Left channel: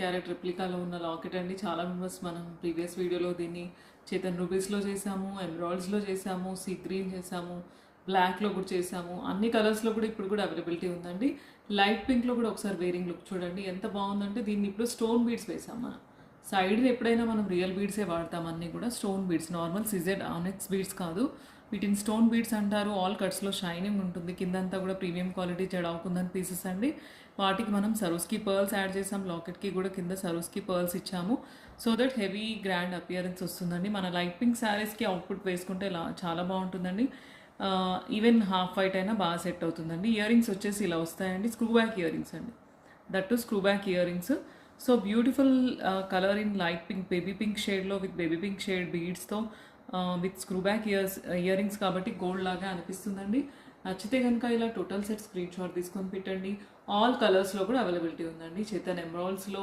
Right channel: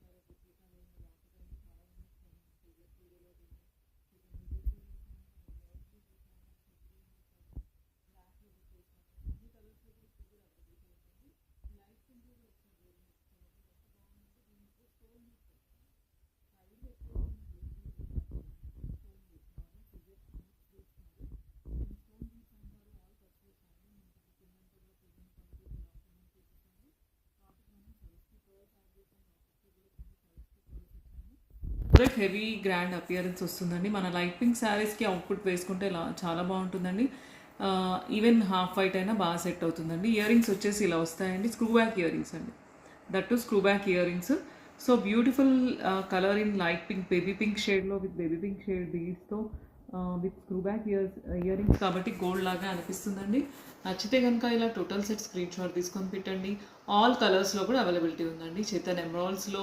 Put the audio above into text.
Carrot రెప్లికాలో ఉన్న locket అండి. చాలా మెంబర్స్ మనం ప్రీవియస్ వీడియోలో దీన్ని చేతన్ రూబీస్లో చేసాము, ఎమరాల్డ్స్లో చేసాము, సీ గ్రీన్ చేసాము, బ్లాక్లో కూడా చేసాము. అన్ని కలర్స్లో కూడా ఇప్పుడు కూడా అవైలబిలిటీ ఉందండి. లైట్ పింక్లో కూడా ఒకసారి వేరింగ్ లుక్ చూడండి ఎంత బాగుందంటే. దీన్ని ఇప్పుడు స్టోన్ బీడ్స్ వేసాం మనం. సైడ్ ఎప్పుడైనా మనం రియల్ బీడ్సే వాడతాం, అన్నీ కూడా stone beads, normal CZ ఆనెక్స్ beads కాదు. వీటిని స్టోన్ బీడ్స్ అంటారు. ఆల్ కట్స్లో షైనింగ్ ఉంటుంది, కిందంతా కూడా ప్రీమియం క్వాలిటీ చెడవుకుందని పీసెస్ అండి. వాటికి మనం సరోస్కి పర్ల్స్ యాడ్ చేసాం, లాకెట్కి కూడా కింద సరోస్కి పర్ల్స్ ఇచ్చాము. So that heavy grand appearance వస్తుందండి. మన లైట్ పింక్ శారీస్కి అవుట్పుట్ వేసుకుంటే చాలా బాగుంటుందండి. ఈవెన్ హాఫ్ వైట్ అయినా బాగా సెట్ అవుతుందండి. ఇయర్ రింగ్స్ వచ్చేసి ఇలా వస్తాయండి, స్క్రూ బ్యాక్ ఇయర్ రింగ్స్ అండి. That too screw back earrings. So beautiful colour in light pink, baby pink షేడ్లో విత్ బేబీ పింక్ షేడ్ బీడ్స్తో with screw back earrings కాబట్టి గోల్డ్ లాగా అనిపిస్తుందండి. నచ్చితే కనుక ఇలా టోటల్ సెట్ స్క్రీన్ షాట్ తీసుకొని పెట్టండి. ఆల్ కలర్స్లో కూడా అవైలబిలిటీ ఉందండి. చేతన్ ఎమరాల్డ్స్లో